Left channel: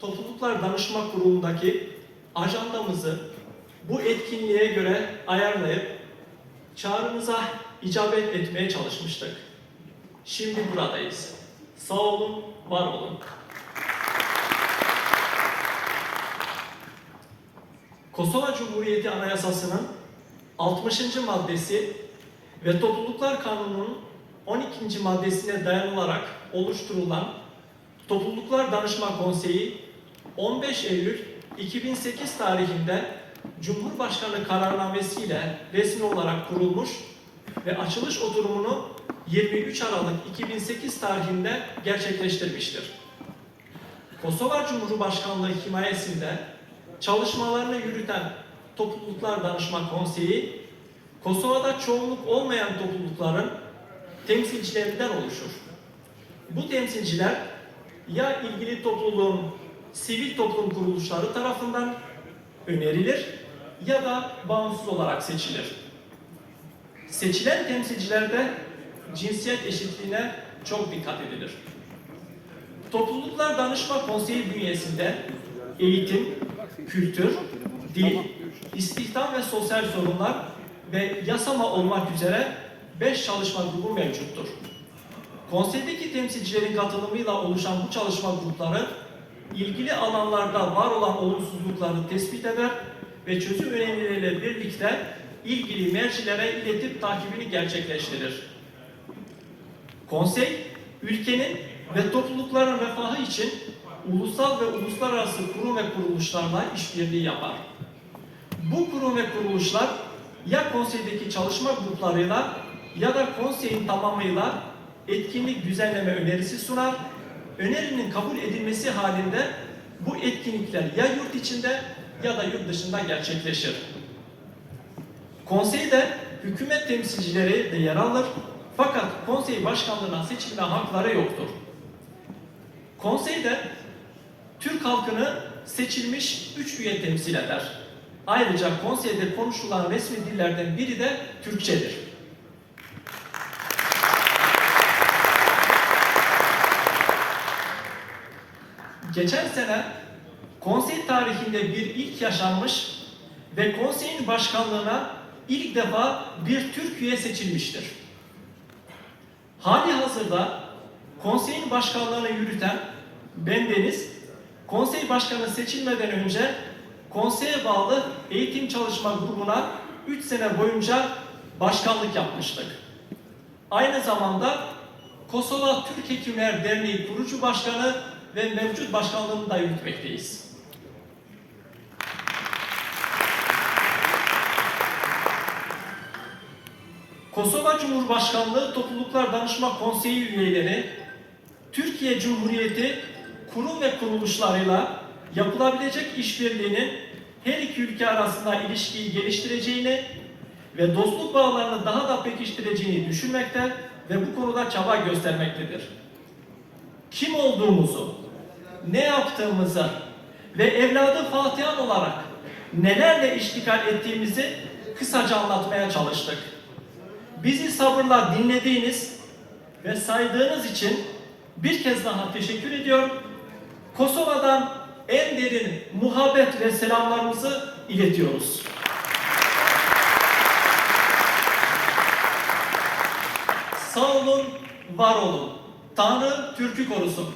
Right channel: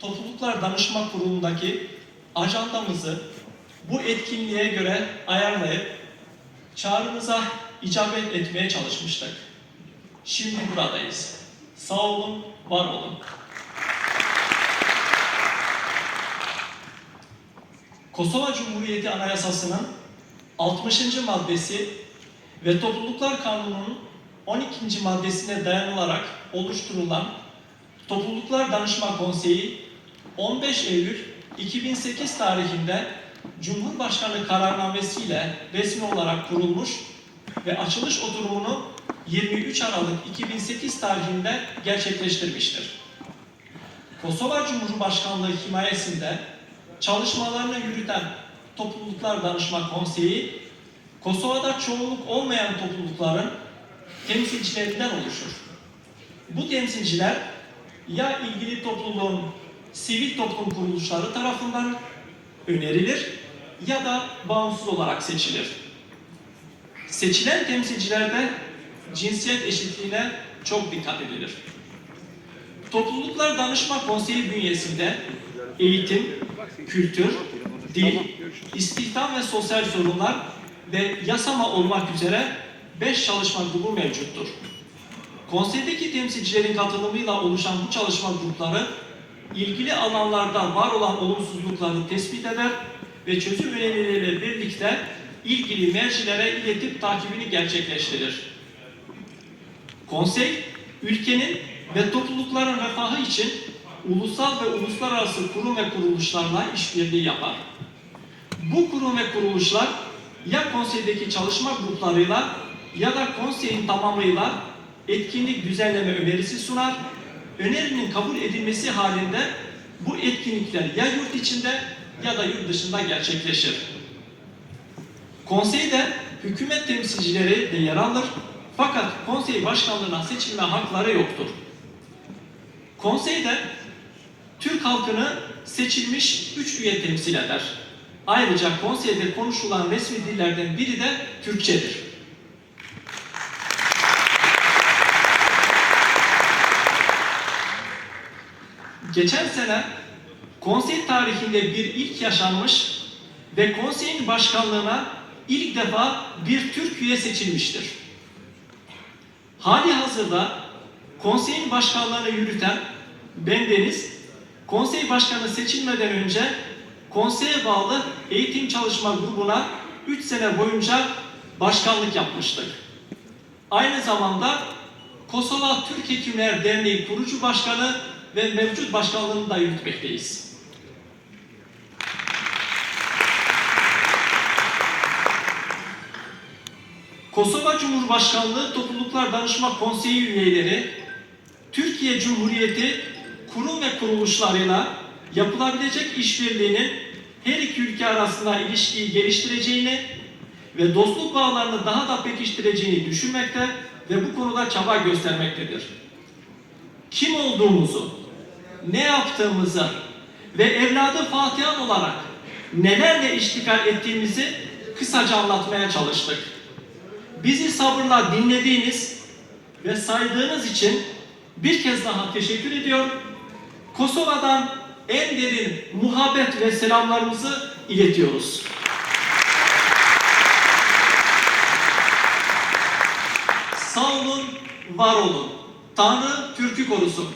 Topluluklar Danışma Kurulu'ndaki ajandamızı bu etkinliğe göre ayarlayıp çağrınıza icabet etmeye çalışmıştık. Şimdi buradayız. Sağ olun, var olun. Kosova Cumhuriyeti Anayasası'nın 60. maddesi ve Topluluklar Kanunu'nun 12. maddesine dayanılarak oluşturulan Topluluklar Danışma Konseyi 15 Eylül 2008 tarihinde Cumhurbaşkanı kararnamesiyle resmi olarak kurulmuş ve açılış oturumunu 23 Aralık 2008 tarihinde gerçekleştirmiştir. Kosova Cumhurbaşkanlığı himayesinde çalışmalarını yürüten Topluluklar Danışma Konseyi, Kosova'da çoğunluk olmayan toplulukların temsilcilerinden oluşur. Bu temsilciler ya ilgili topluluğun sivil toplum kuruluşları tarafından önerilir ya da bağımsız olarak seçilir. Seçilen temsilcilerde cinsiyet eşitliğine çok dikkat edilir. Topluluklar Danışma Konseyi bünyesinde eğitim, kültür, dil, istihdam ve sosyal sorunlar ve yasama olmak üzere 5 çalışma grubu mevcuttur. Konseydeki temsilcilerin katılımıyla oluşan bu çalışma grupları ilgili alanlarda var olan olumsuzlukları tespit eder ve çözüm önerileriyle birlikte ilgili mercilere iletip takibini gerçekleştirir. Konsey, ülkenin ve toplulukların refahı için ulusal ve uluslararası kurum ve kuruluşlarla işbirliği yapar. Bu kurum ve kuruluşlar ya konseydeki çalışma gruplarıyla ya da konseyin tamamıyla etkinlik düzenleme önerisi sunar. Önerinin kabul edilmesi halinde bu etkinlikler ya yurt içinde ya da yurt dışında gerçekleşir. Konseyde hükümet temsilcileri de yer alır fakat konsey başkanlığına seçilme hakları yoktur. Konseyde Türk halkını seçilmiş üç üye temsil eder. Ayrıca konseyde konuşulan resmi dillerden biri de Türkçedir. Geçen sene konsey tarihinde bir ilk yaşanmış ve konseyin başkanlığına ilk defa bir Türk üye seçilmiştir. Hali hazırda konseyin başkanlığını yürüten bendeniz, konsey başkanı seçilmeden önce konseye bağlı eğitim çalışma grubuna 3 sene boyunca başkanlık yapmıştık. Aynı zamanda Kosova Türk Hekimler Derneği kurucu başkanı ve mevcut başkanlığını da yürütmekteyiz. Kosova Cumhurbaşkanlığı Topluluklar Danışma Konseyi üyeleri, Türkiye Cumhuriyeti kurum ve kuruluşlarıyla yapılabilecek işbirliğinin her iki ülke arasında ilişkiyi geliştireceğini ve dostluk bağlarını daha da pekiştireceğini düşünmekte ve bu konuda çaba göstermektedir. Kim olduğumuzu, ne yaptığımızı ve evladı Fatihan olarak nelerle iştikal ettiğimizi kısaca anlatmaya çalıştık. Bizi sabırla dinlediğiniz ve saydığınız için bir kez daha teşekkür ediyorum. Kosova'dan en derin muhabbet ve selamlarımızı iletiyoruz. Sağ olun, var olun. Tanrı Türk'ü korusun.